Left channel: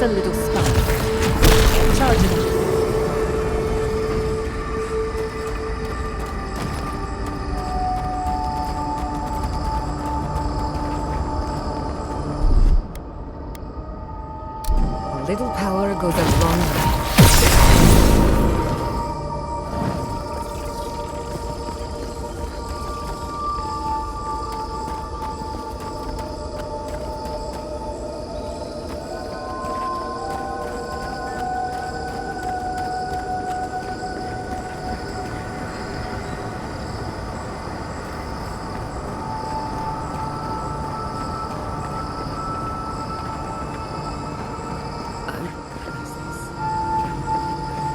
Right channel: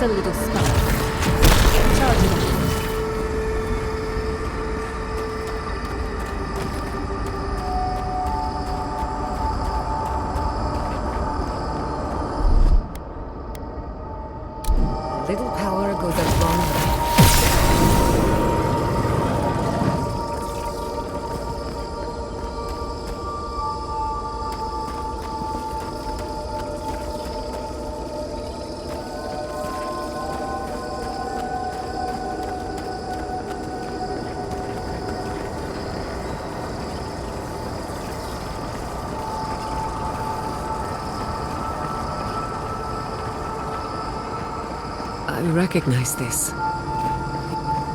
Just a little spark. Charge it up. A little power goes a long way. I recognize this.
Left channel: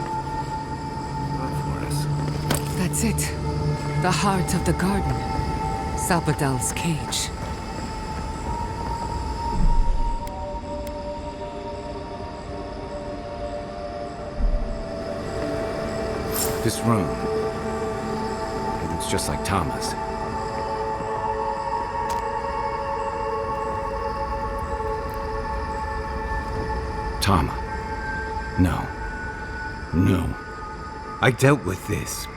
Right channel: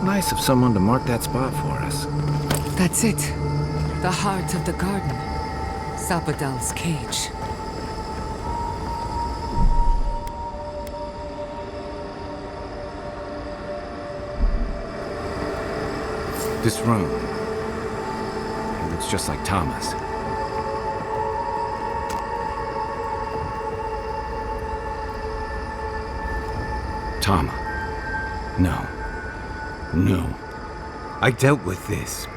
Nice of someone to mark that spot for us. That's it. The heart of the garden. Sapadal's cage. This room. It looks just like Tama's. Tama. No. No. I dealt with this.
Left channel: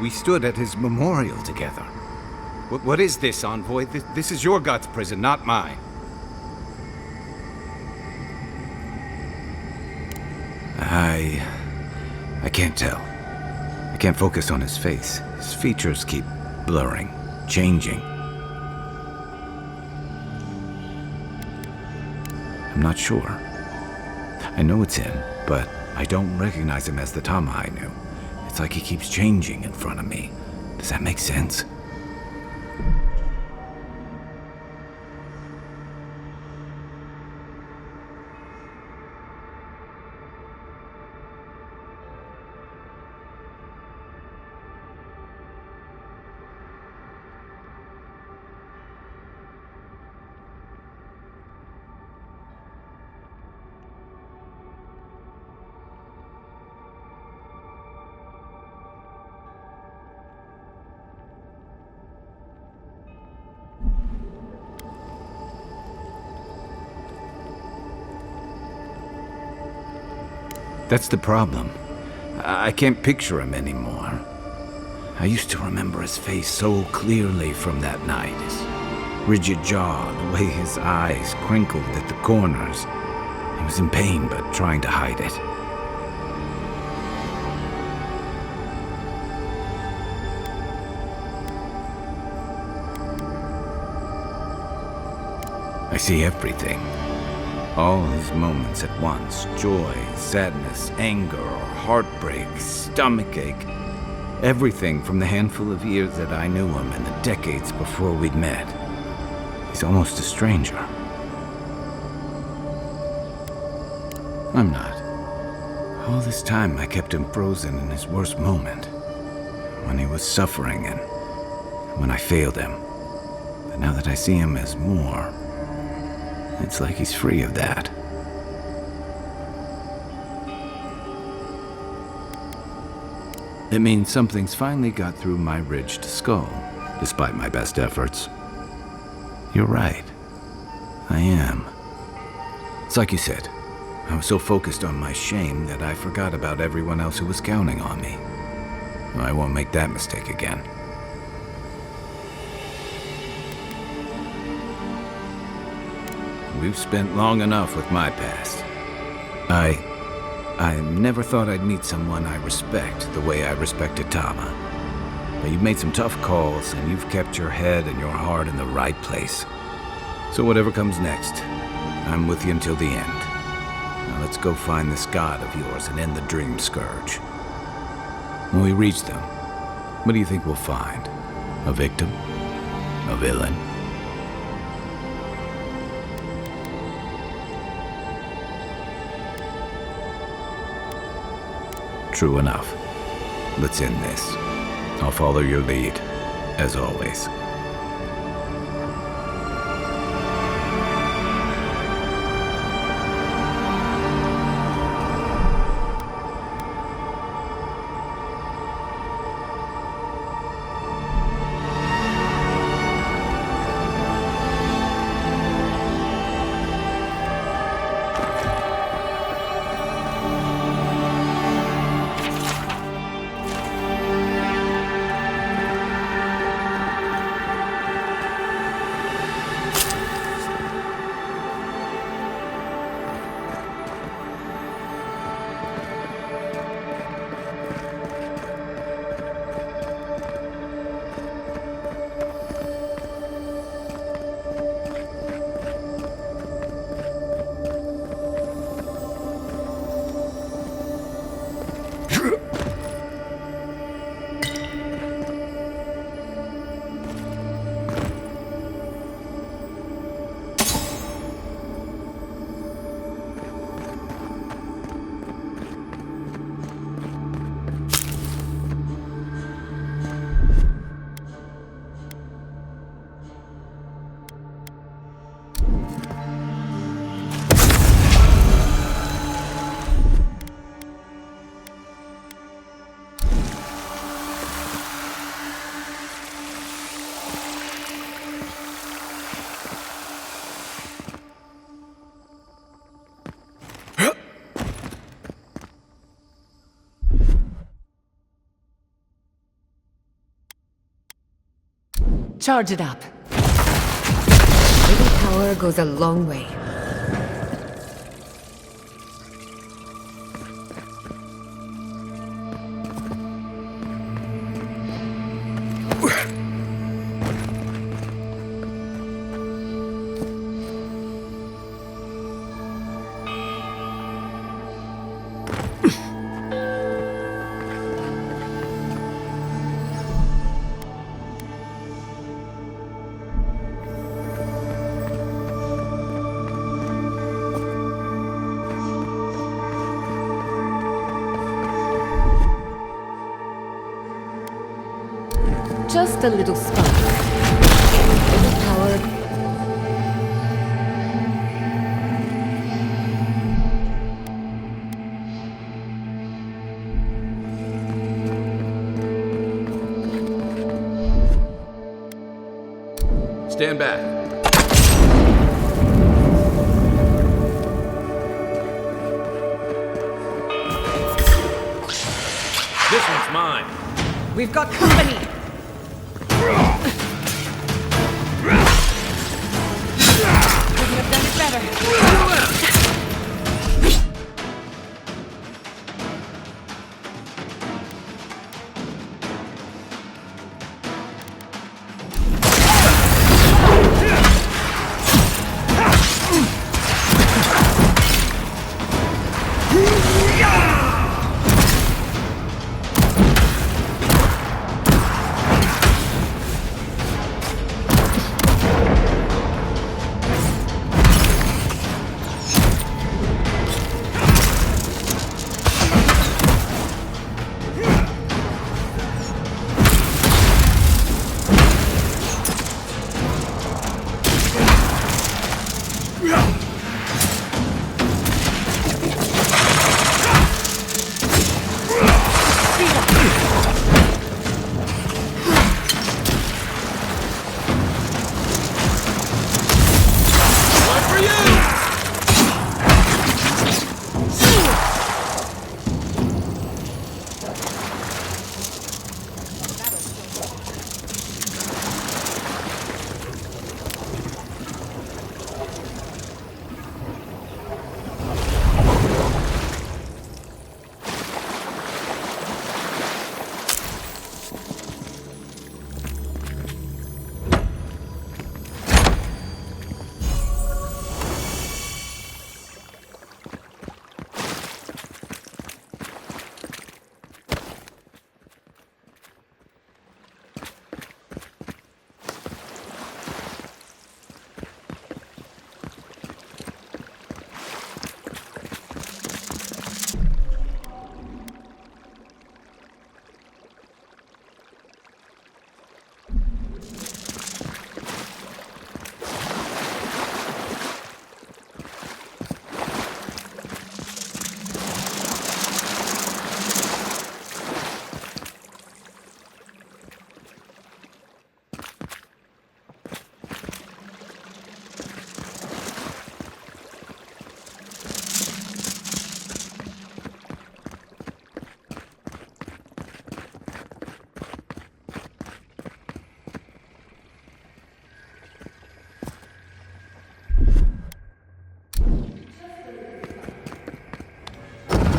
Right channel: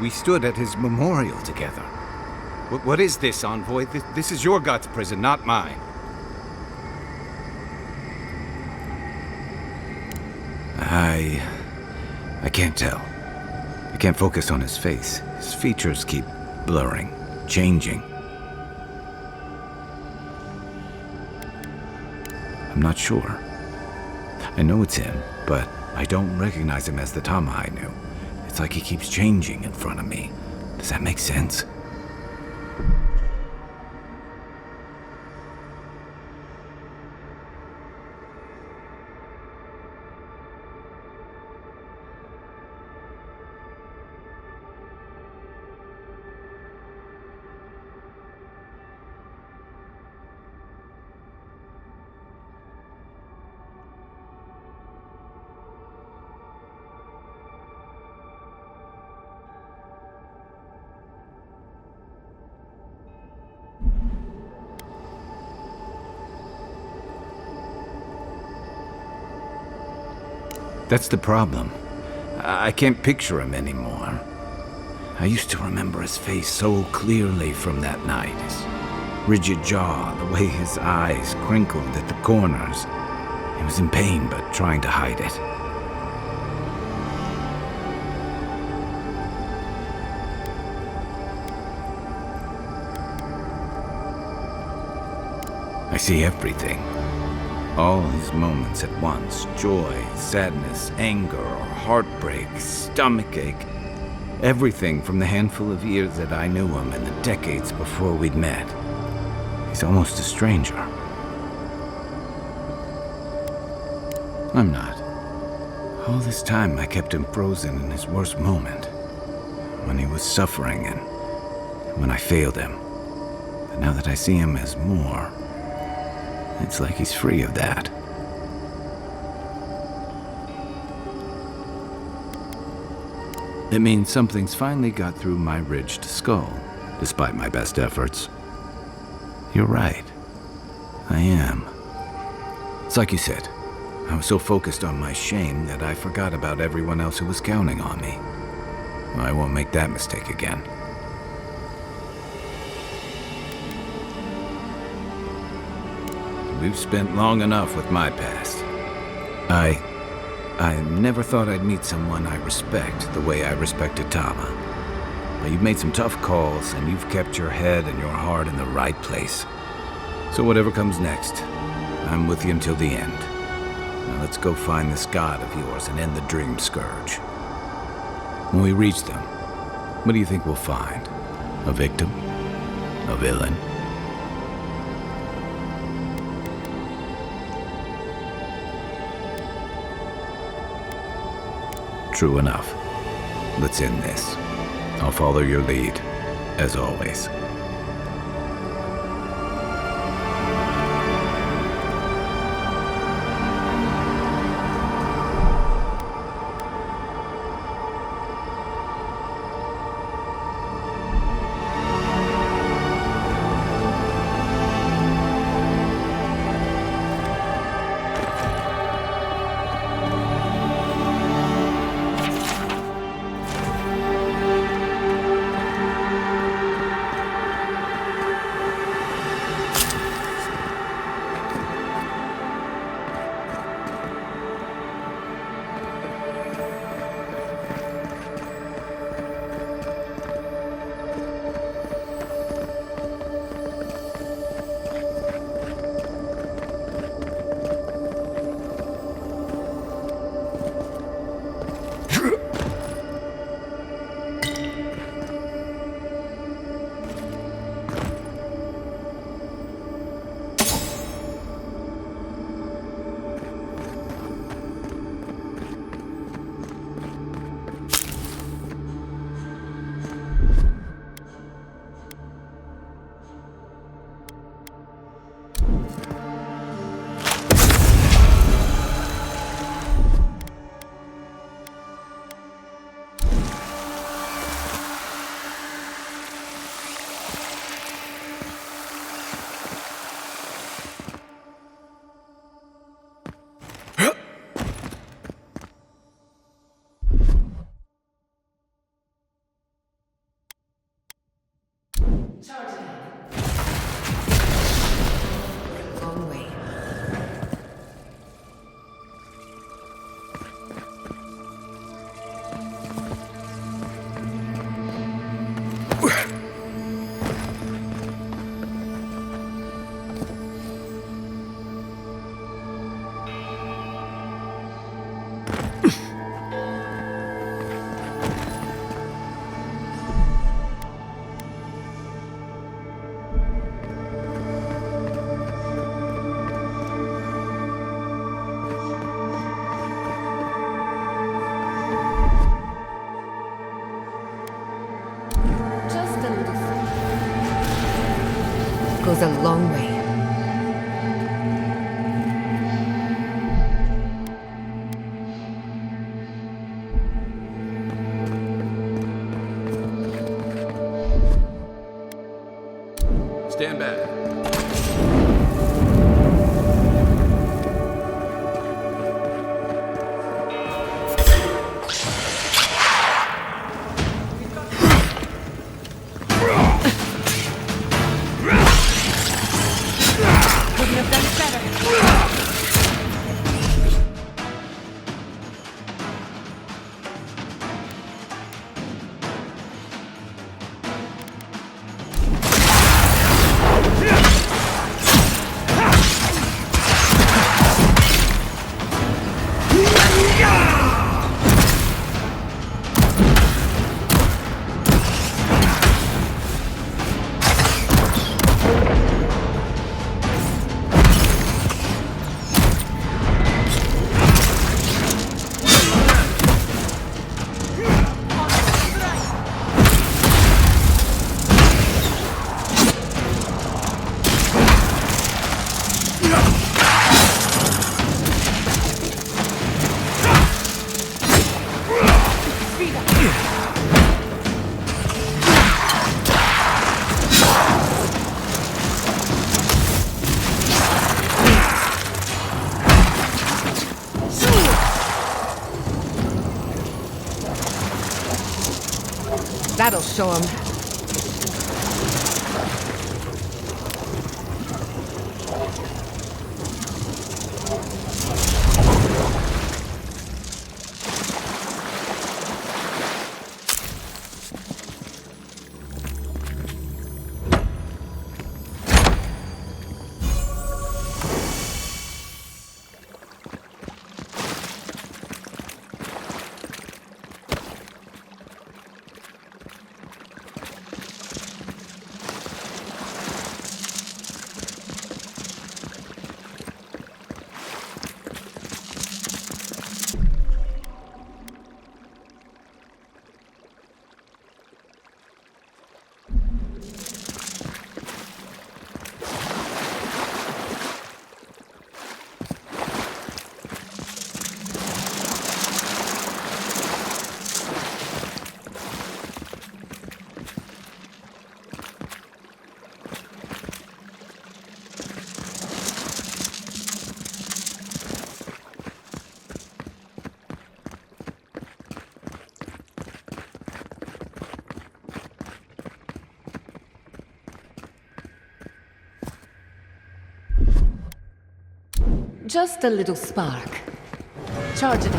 We stood at his memorial together. What is this, Envoy? This is your God's prison, not mine. I can't tell. I can't focus on his face. His features keep blurring, changing. I'm not sure. I know it's him, but I don't recognize him as the Tama I knew. It's like he keeps changing in front of me. Does that make sense? That's the problem. I can't picture him anymore. I used to remember his face so clearly from that night. His rigid jaw, the way his eyes crinkled at the corners. He was in pain, but trying to hide it. I see everything. All his moments at once. Joy, sadness, anger, heartbreak, stomachache. Everything from the handful of years that I knew him and the decades before we'd met. He's almost a stranger. I'm not. All this time I kept him frozen in his worst moment. When he was suffering and when I failed him. But now that I see him as more, it's like he's free of that. It means something's finally got through my ridged skull, despite my best efforts. You're right. I am. It's like you said. I was so focused on my shame that I forgot about everyone else who was counting on me. I won't make that mistake again. We've spent long enough with my past. I never thought I'd meet someone I respect the way I respected Tama. But you've made some tough calls, and you've kept your head and your heart in the right place. So whatever comes next, I'm with you until the end. Now let's go find this god of yours and end the dream scourge. When we reach them, what do you think we'll find? A victim? A villain? True enough. Let's end this. I'll follow your lead, as always. Charge it up. Little power goes a long way. Just a little spark. Little power goes a long way. Stand back. This one's mine. We've got company! Couldn't have done better. That'll show him. Just a little spark. Charge it.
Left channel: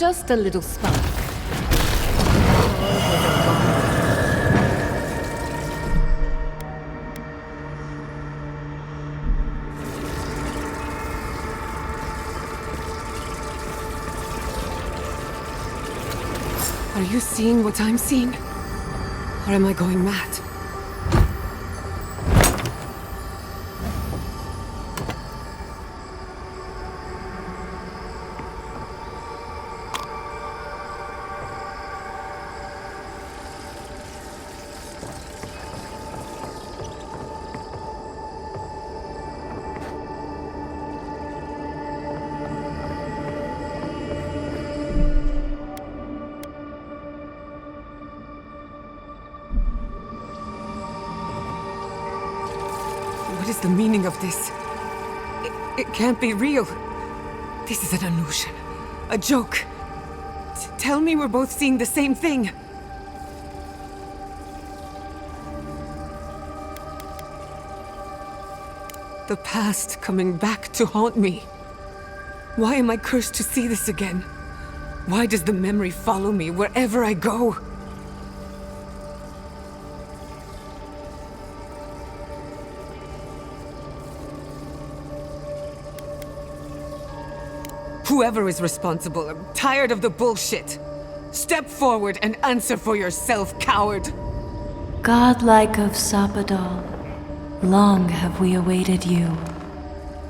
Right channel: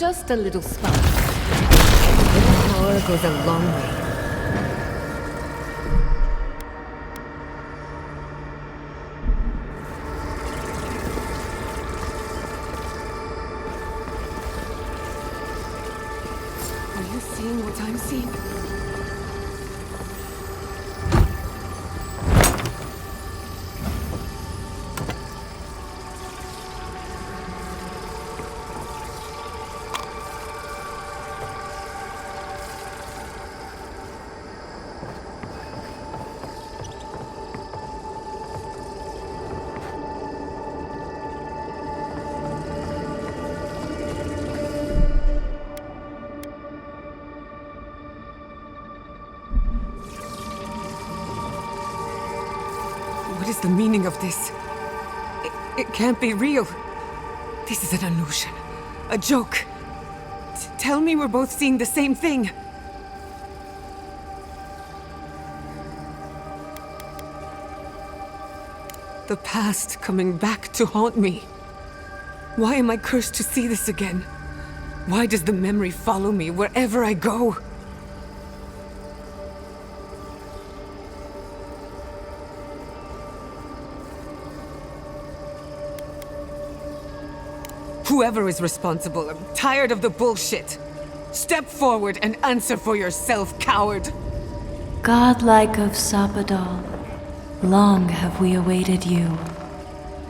Just a little spark. The power goes a long way. Are you seeing what I'm seeing? Or am I going mad? What is the meaning of this? It can't be real. This is an illusion. A joke. Tell me we're both seeing the same thing. The past coming back to haunt me. Why am I cursed to see this again? Why does the memory follow me wherever I go? Whoever is responsible, I'm tired of the bullshit. Step forward and answer for yourself, coward. Godlike of Sapadal, long have we awaited you.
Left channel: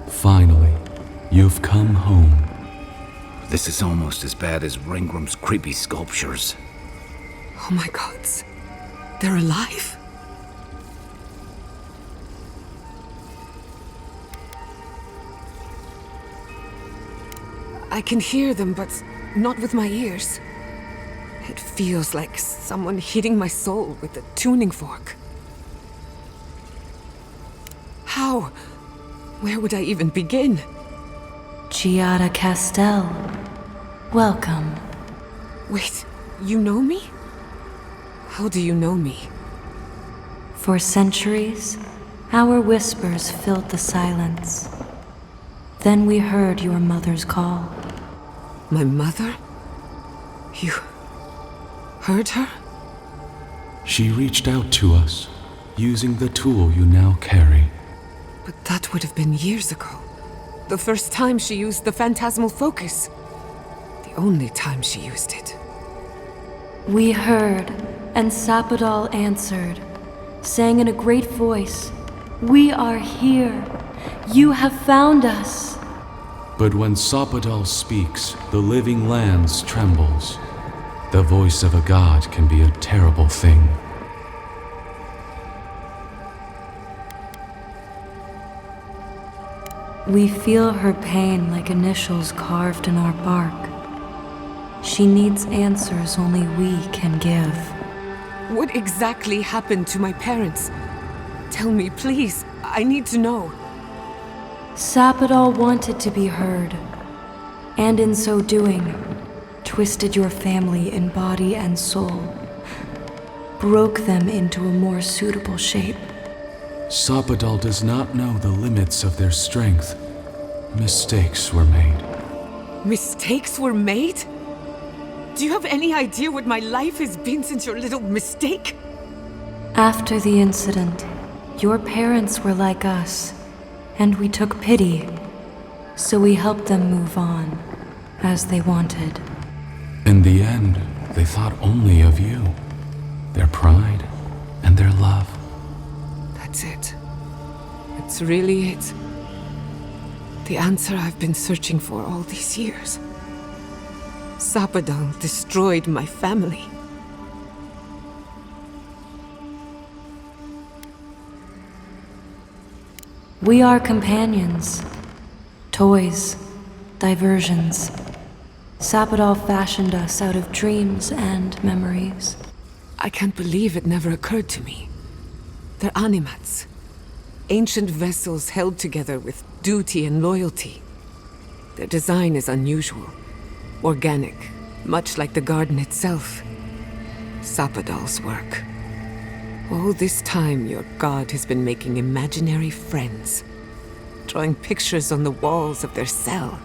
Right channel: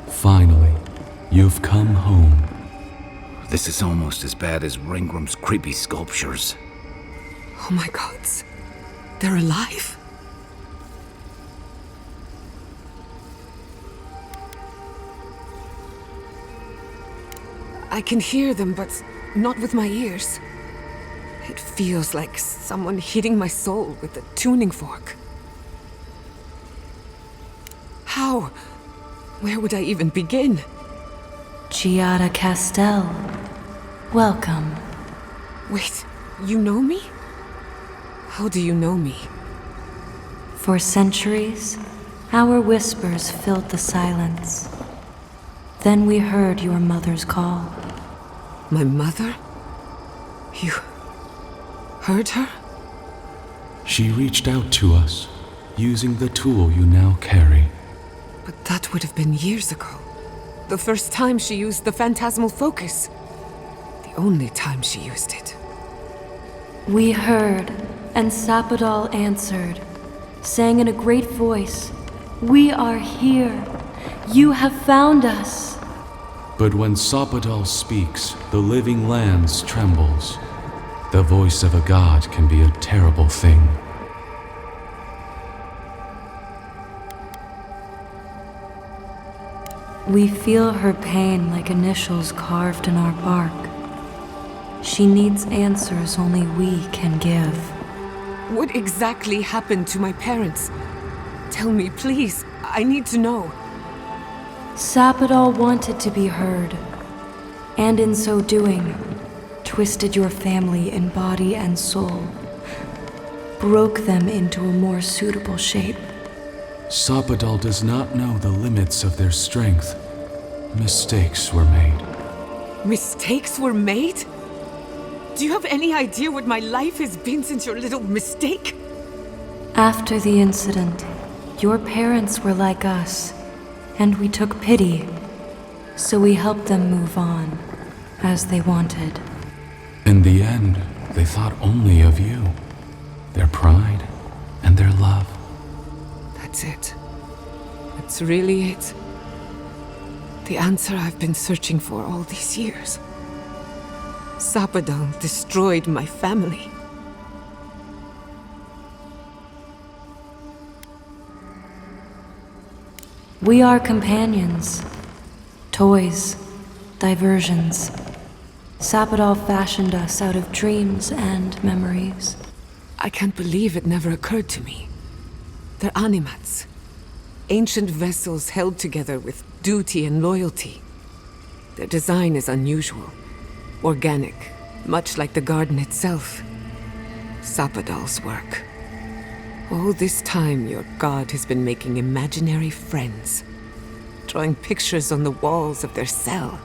Finally, you've come home. This is almost as bad as Ringram's creepy sculptures. Oh my gods. They're alive? I can hear them, but not with my ears. It feels like someone hitting my soul with a tuning fork. How? Where would I even begin? Giada Castel, welcome. Wait, you know me? How do you know me? For centuries, our whispers filled the silence. Then we heard your mother's call. My mother? You heard her? She reached out to us, using the tool you now carry. But that would have been years ago. The first time she used the phantasmal focus. The only time she used it. We heard, and Sapadal answered, saying in a great voice, "We are here. You have found us." But when Sapadal speaks, the living lands trembles. The voice of a god can be a terrible thing. We feel her pain like initials carved in our bark. She needs answers only we can give. What exactly happened to my parents? Tell me, please. I need to know. Sapadal wanted to be heard, and in so doing, twisted your family in body and soul, broke them into a more suitable shape. Sapadal does not know the limits of their strength. Mistakes were made. Mistakes were made? Do you have any idea what my life has been since your little mistake? After the incident, your parents were like us, and we took pity, so we helped them move on, as they wanted. In the end, they thought only of you, their pride, and their love. That's it. That's really it. The answer I've been searching for all these years. Sapadal destroyed my family. We are companions, toys, diversions. Sapadal fashioned us out of dreams and memories. I can't believe it never occurred to me. They're animats. Ancient vessels held together with duty and loyalty. Their design is unusual, organic, much like the garden itself. Sapadal's work. All this time, your god has been making imaginary friends, drawing pictures on the walls of their cell.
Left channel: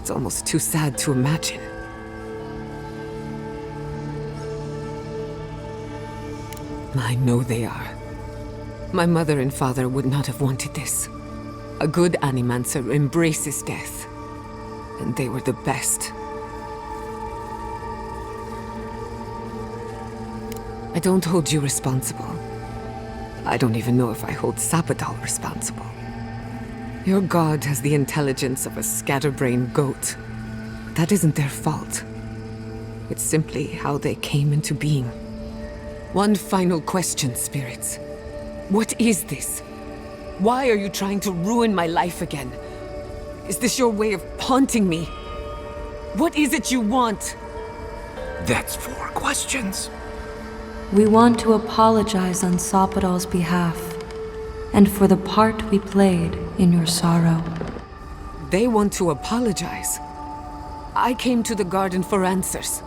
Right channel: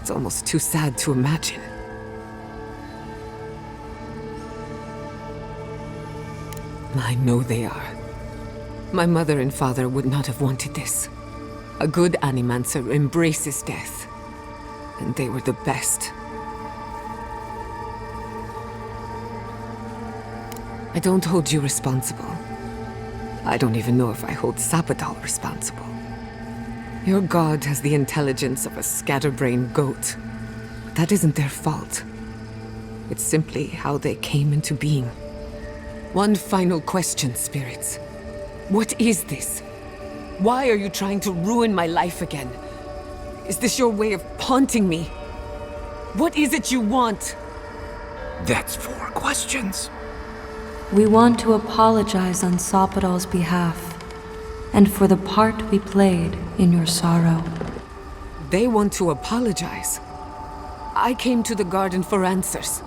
It's almost too sad to imagine. I know they are. My mother and father would not have wanted this. A good Animancer embraces death. And they were the best. I don't hold you responsible. I don't even know if I hold Sapadal responsible. Your god has the intelligence of a scatterbrained goat. That isn't their fault. It's simply how they came into being. One final question, spirits. What is this? Why are you trying to ruin my life again? Is this your way of haunting me? What is it you want? That's 4 questions. We want to apologize on Sapadal's behalf, and for the part we played in your sorrow. They want to apologize. I came to the garden for answers,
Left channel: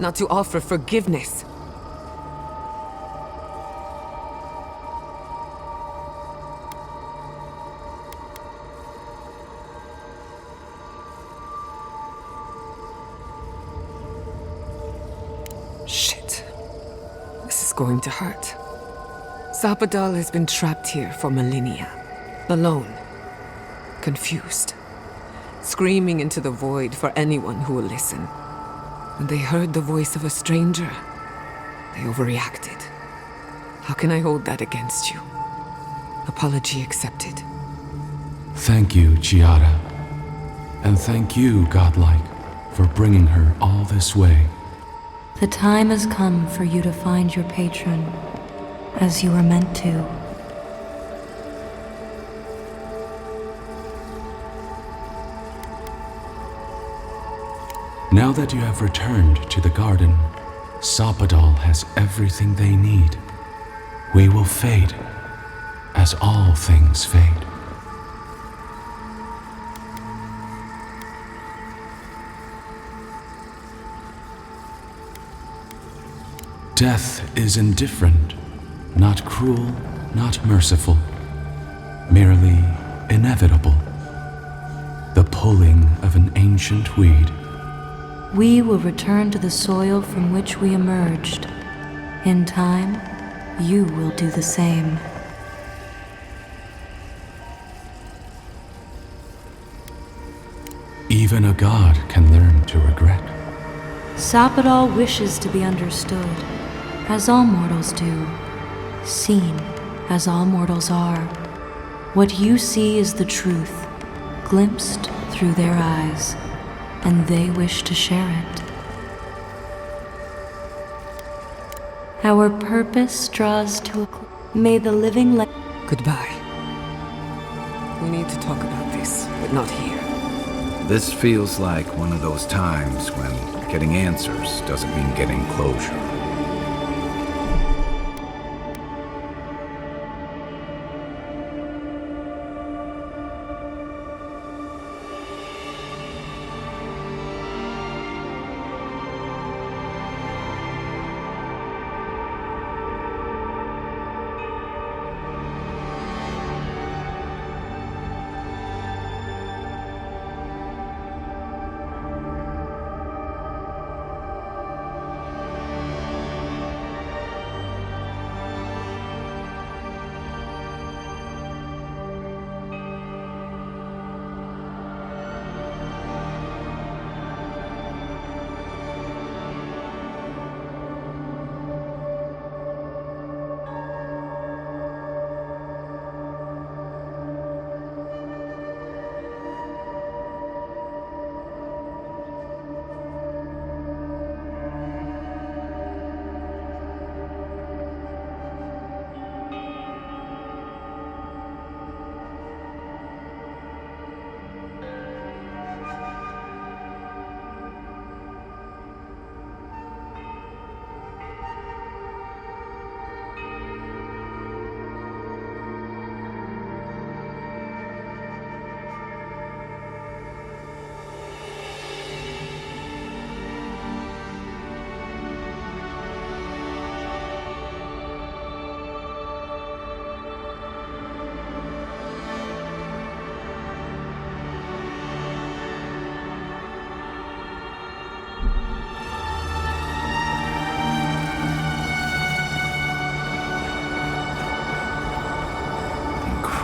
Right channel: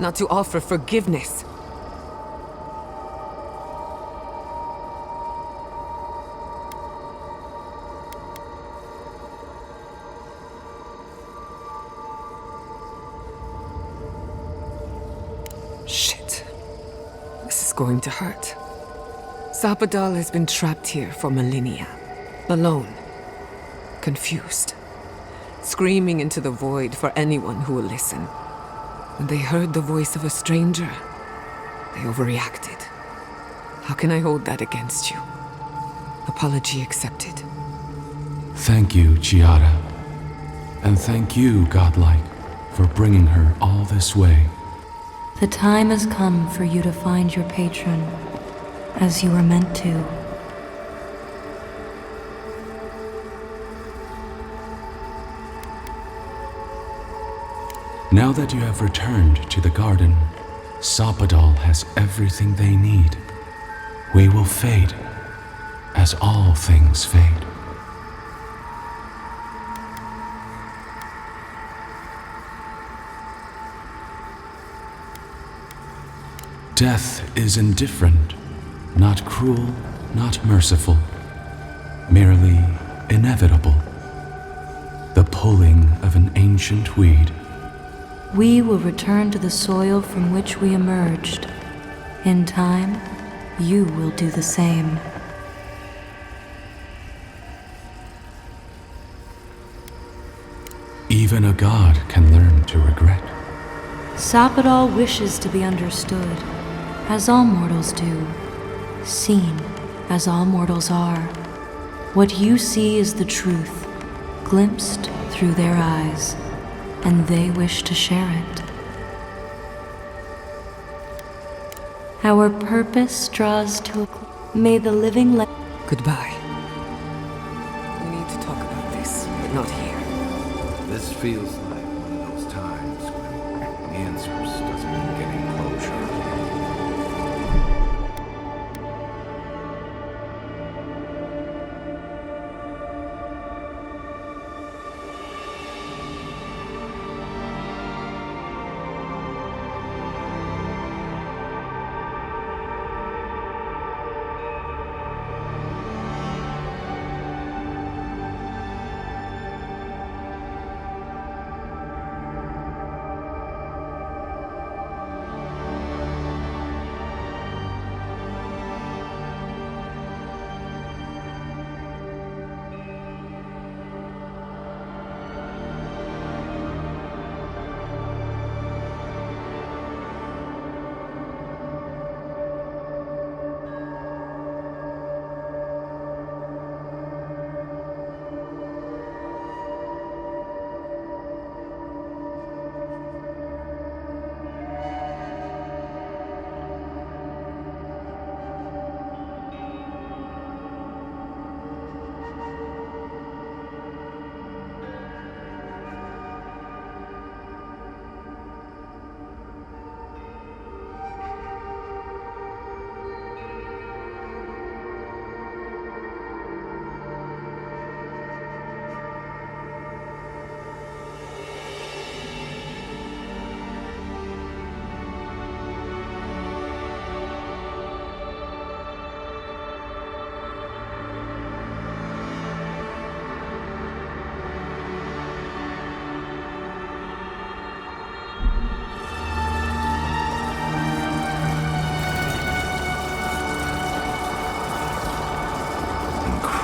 not to offer forgiveness. Shit. This is going to hurt. Sapadal has been trapped here for millennia. Alone. Confused. Screaming into the void for anyone who will listen. When they heard the voice of a stranger, they overreacted. How can I hold that against you? Apology accepted. Thank you, Chiara. And thank you, Godlike, for bringing her all this way. The time has come for you to find your patron, as you were meant to. Now that you have returned to the garden, Sapadal has everything they need. We will fade, as all things fade. Death is indifferent, not cruel, not merciful, merely inevitable. The pulling of an ancient weed. We will return to the soil from which we emerged. In time, you will do the same. Even a god can learn to regret. Sapadal wishes to be understood, as all mortals do, seen as all mortals are. What you see is the truth, glimpsed through their eyes, and they wish to share it. Our purpose draws to a may the living Goodbye. We need to talk about this, but not here. This feels like one of those times when getting answers doesn't mean getting closure.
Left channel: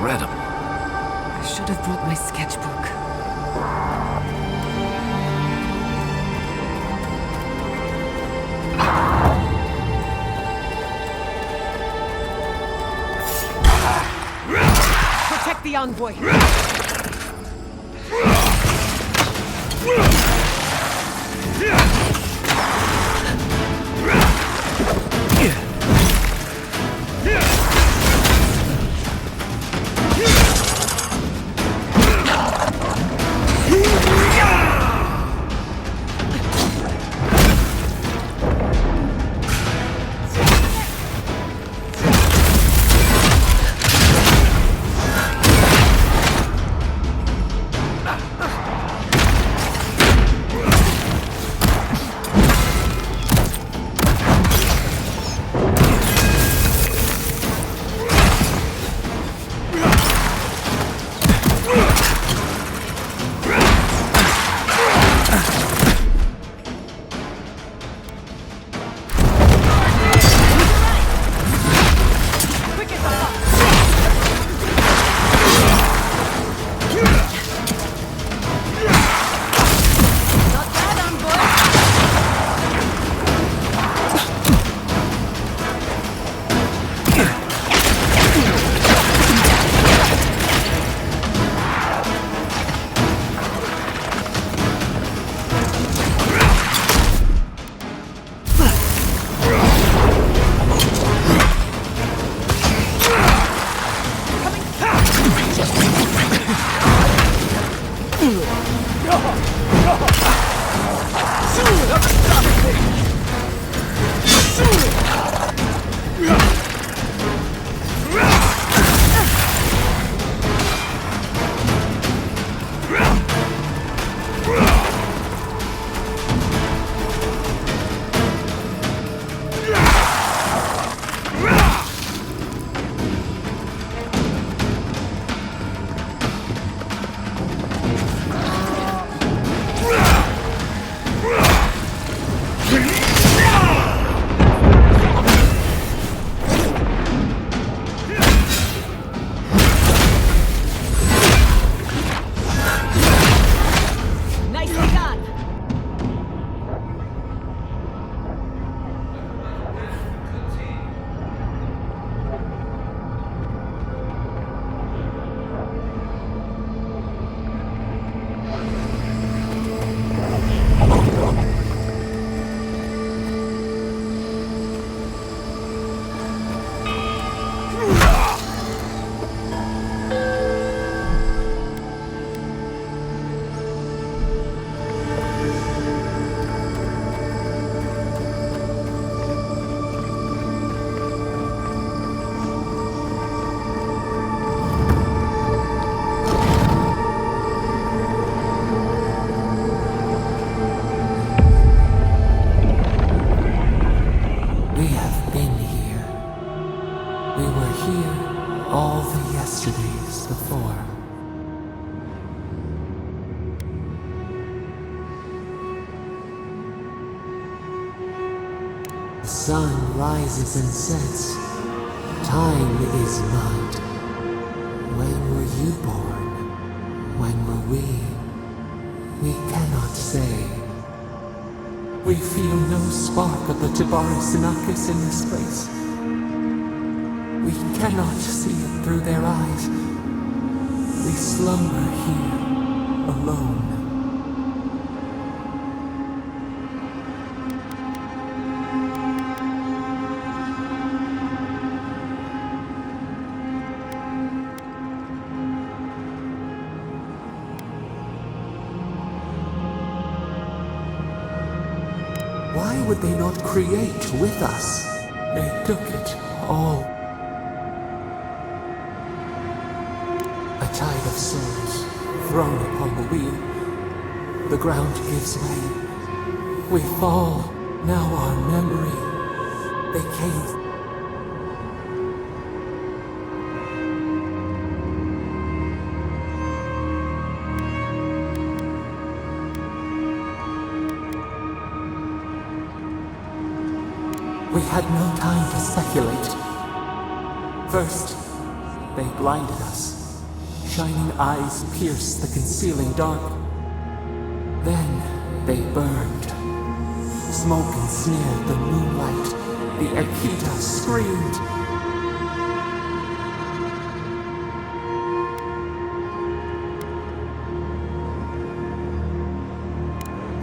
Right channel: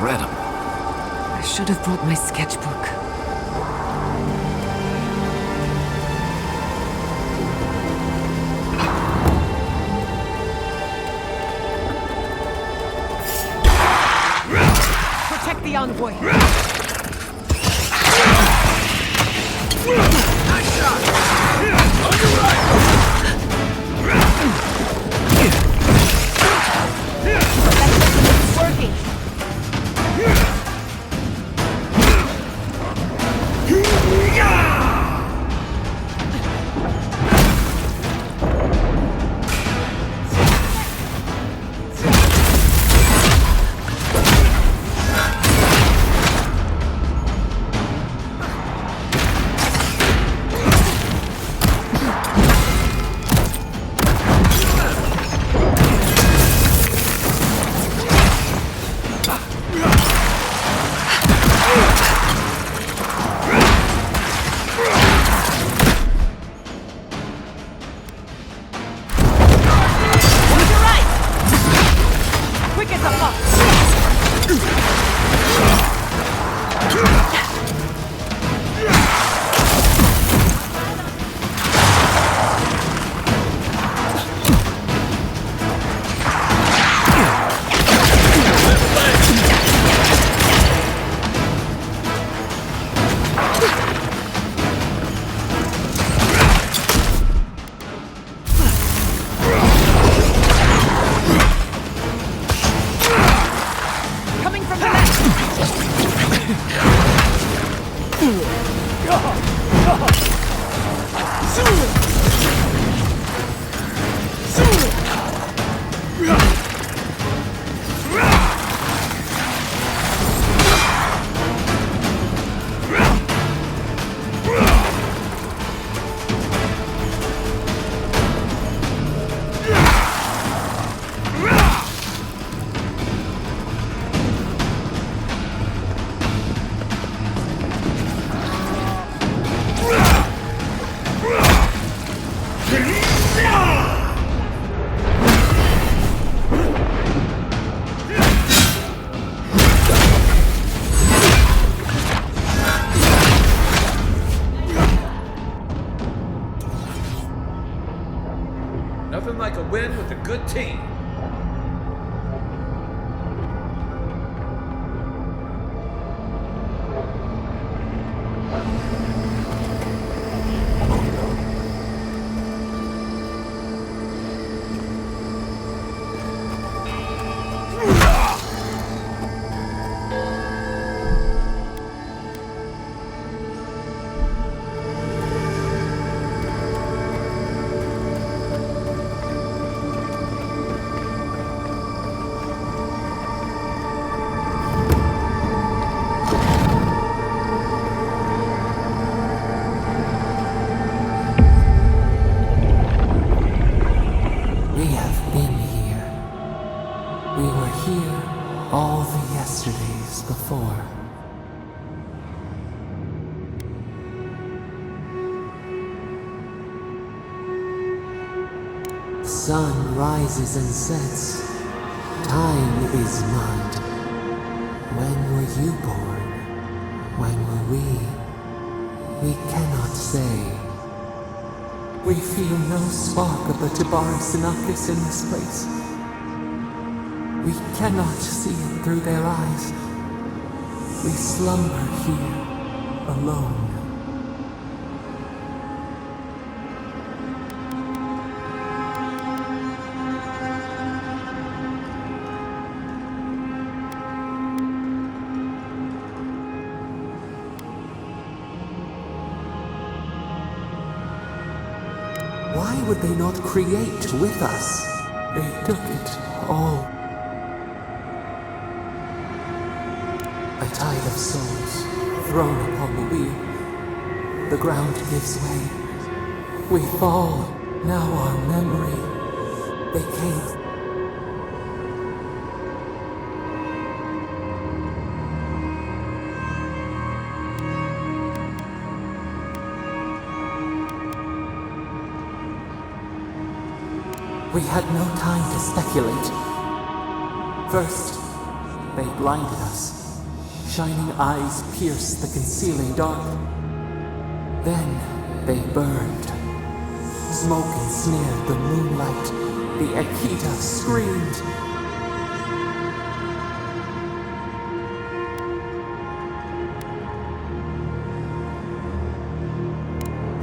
incredible. I should have brought my sketchbook. Protect the envoy. Nothing like a win with a good team. We have been here. We were here all the yesterdays before. The sun rises and sets. Time is mud. When were you born? When were we? We cannot say. We feel no spark of the Jabari Sinakis in this place. We cannot see it through their eyes. We slumber here, alone. Why would they not create with us? They took it all. A tide of souls thrown upon the wheel. The ground gives way. We fall. Now our memory. They came. We had no time to speculate. First, they blinded us. Shining eyes pierced the concealing dark. Then they burned. Smoke ensnared the moonlight. The Akita screamed.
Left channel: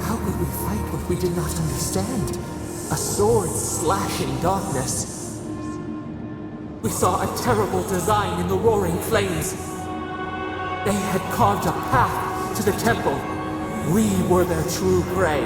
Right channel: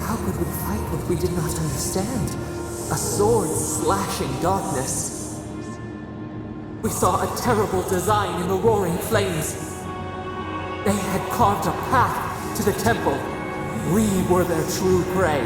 How could we fight what we did not understand? A sword slashing darkness. We saw a terrible design in the roaring flames. They had carved a path to the temple. We were their true prey.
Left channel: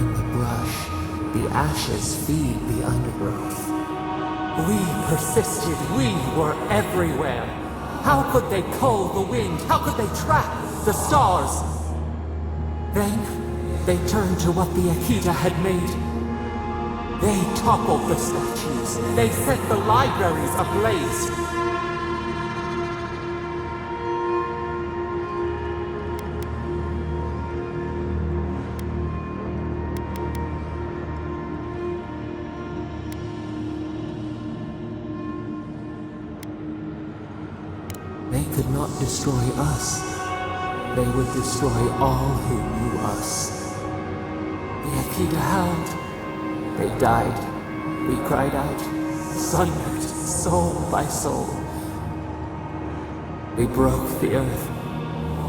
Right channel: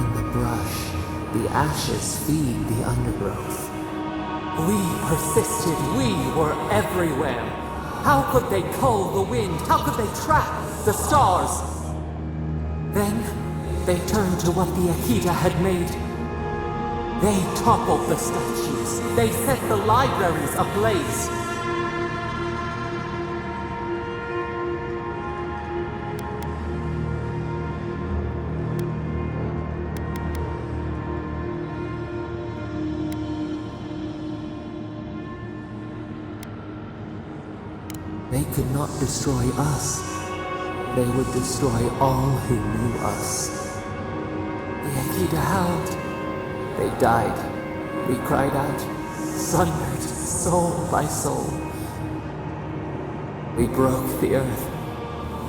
burn the brush, the ashes feed the undergrowth. We persisted, we were everywhere. How could they cull the wind? How could they trap the stars? Then, they turned to what the Akita had made. They toppled the statues. They set the libraries ablaze. They could not destroy us. They would destroy all who knew us. The Akita howled. They died. We cried out, sundered soul by soul. We broke the earth,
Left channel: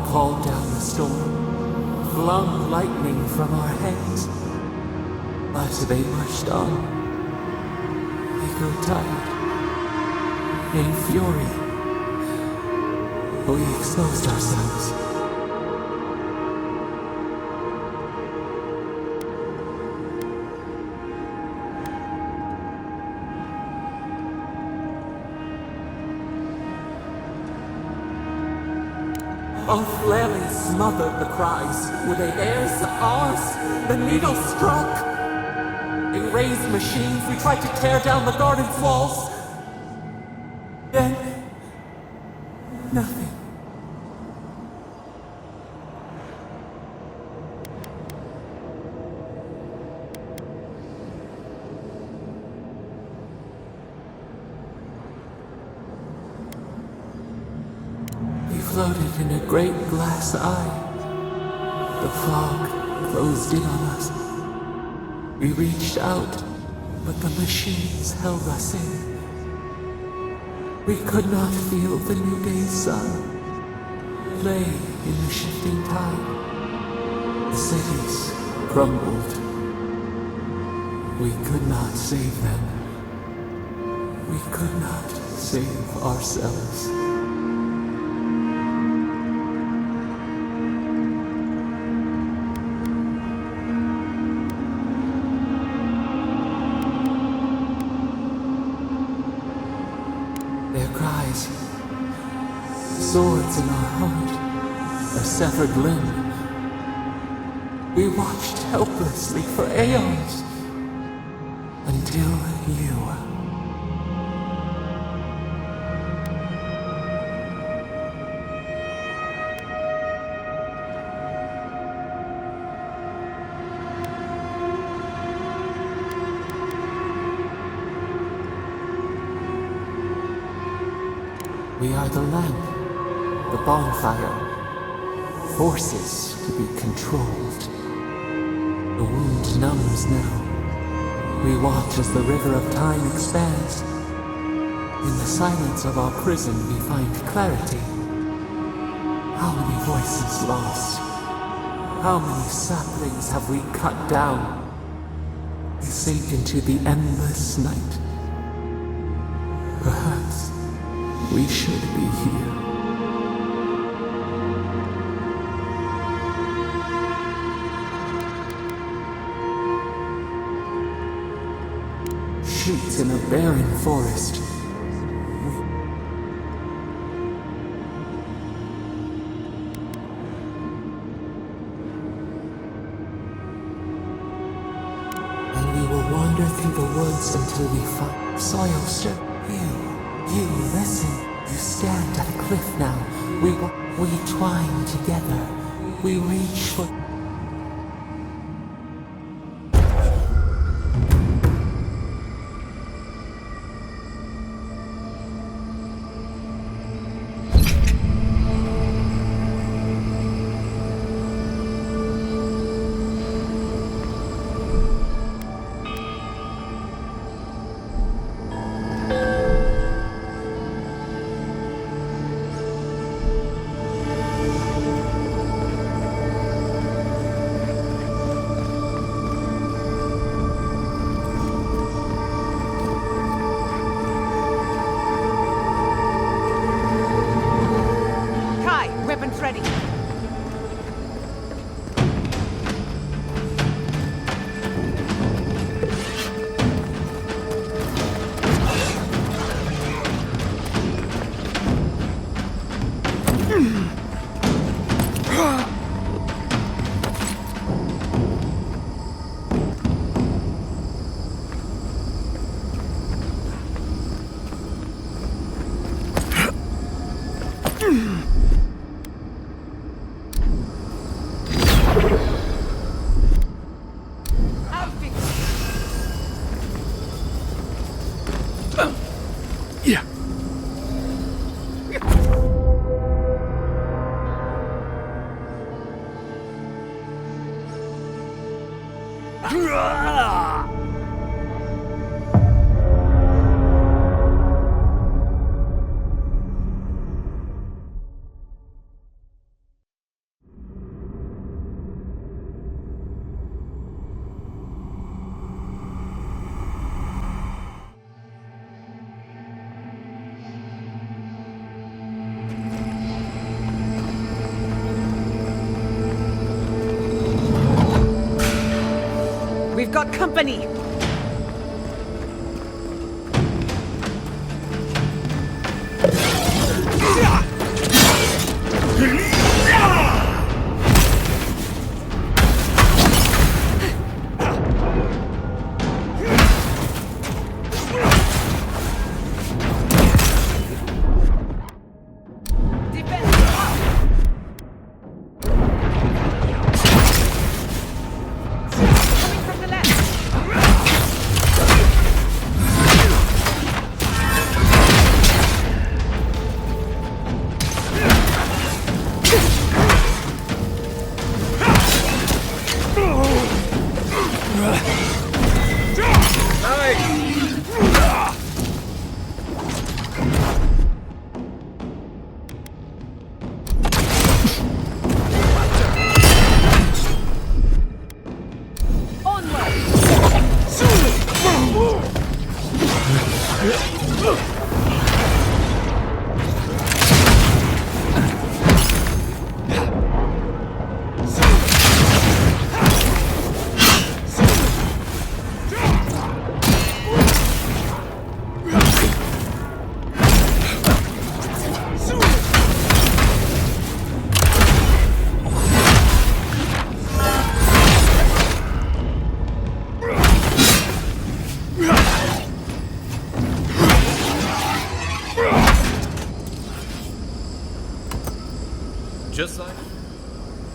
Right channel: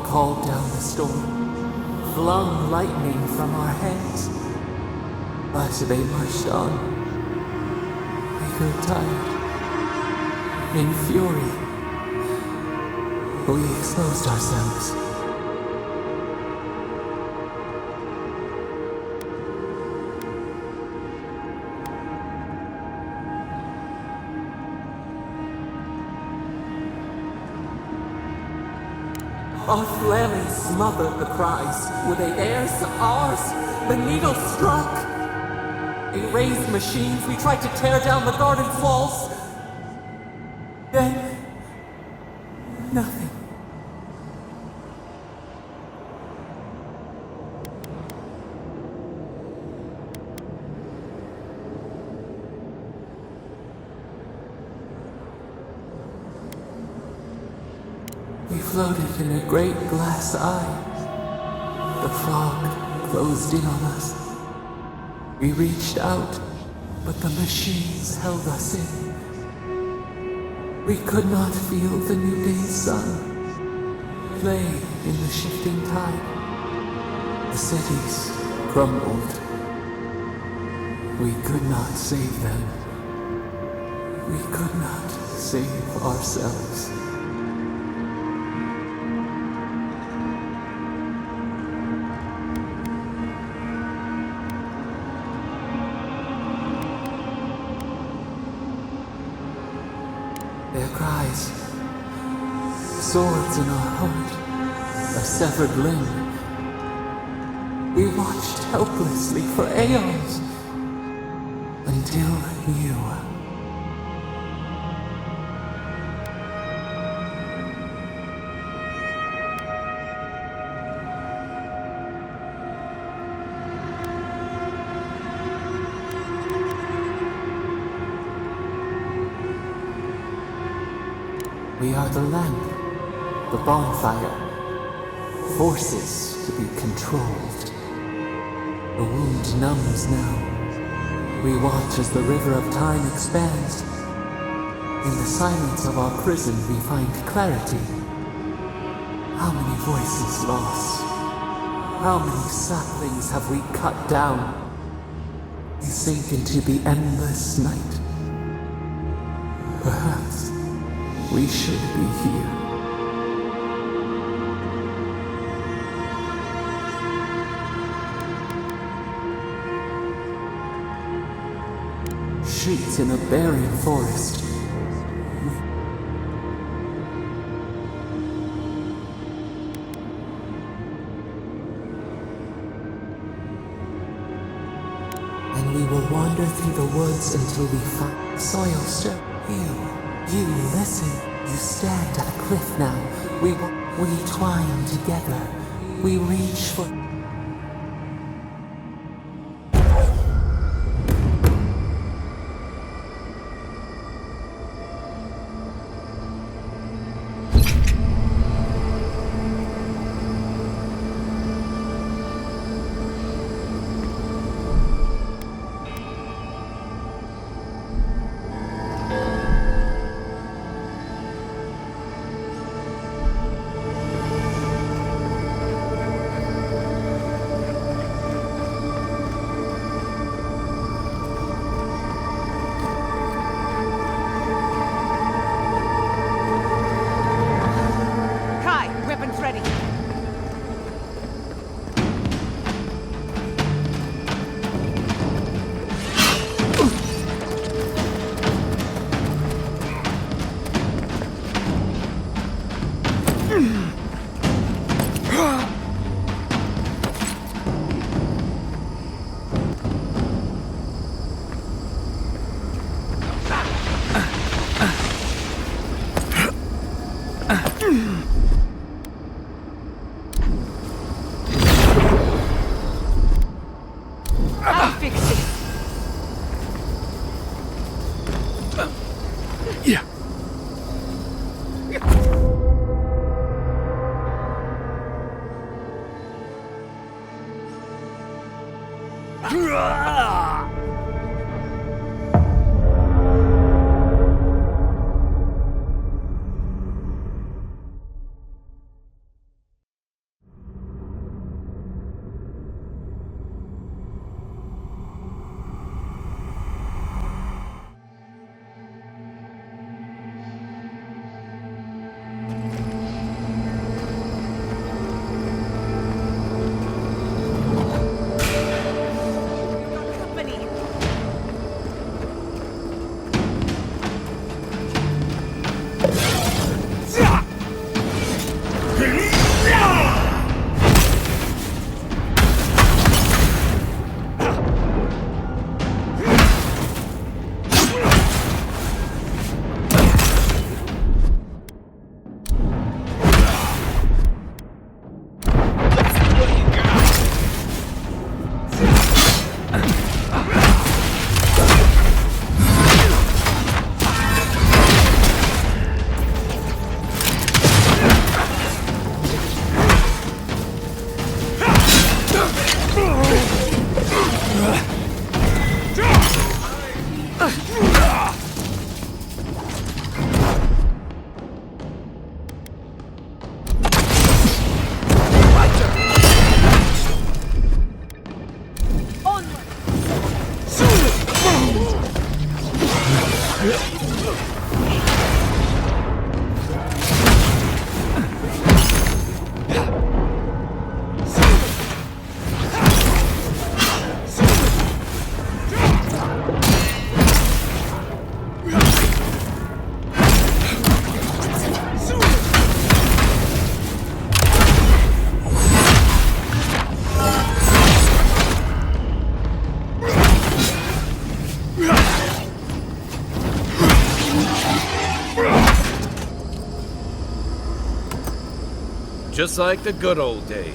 called down the storm, flung lightning from our hands. But they marched on. We grew tired. In fury, we exposed ourselves. Our flailing smothered the cries. Were they theirs? Ours? The needle struck. In raised machines, we tried to tear down the garden's walls. Then, nothing. We floated in a great glass eye. The fog closed in on us. We reached out, but the machines held us in. We could not feel the new day's sun play in the shifting tide. The cities crumbled. We could not save them. We could not save ourselves. Their cries, swords in our heart, a severed limb. We watched helplessly for aeons, until you. We are the lamp, the bonfire, forces to be controlled. The wound numbs now. We watch as the river of time expands. In the silence of our prison we find clarity. How many voices lost? How many saplings have we cut down? We sink into the endless night. Perhaps we should be here. Shoots in a barren forest. And we will wander through the woods until we find soil stir. You listen. You stand at a cliff now. We twine together. We reach for... Weapons ready. I'll fix it. Yeah. We've got company. Just like the good old days.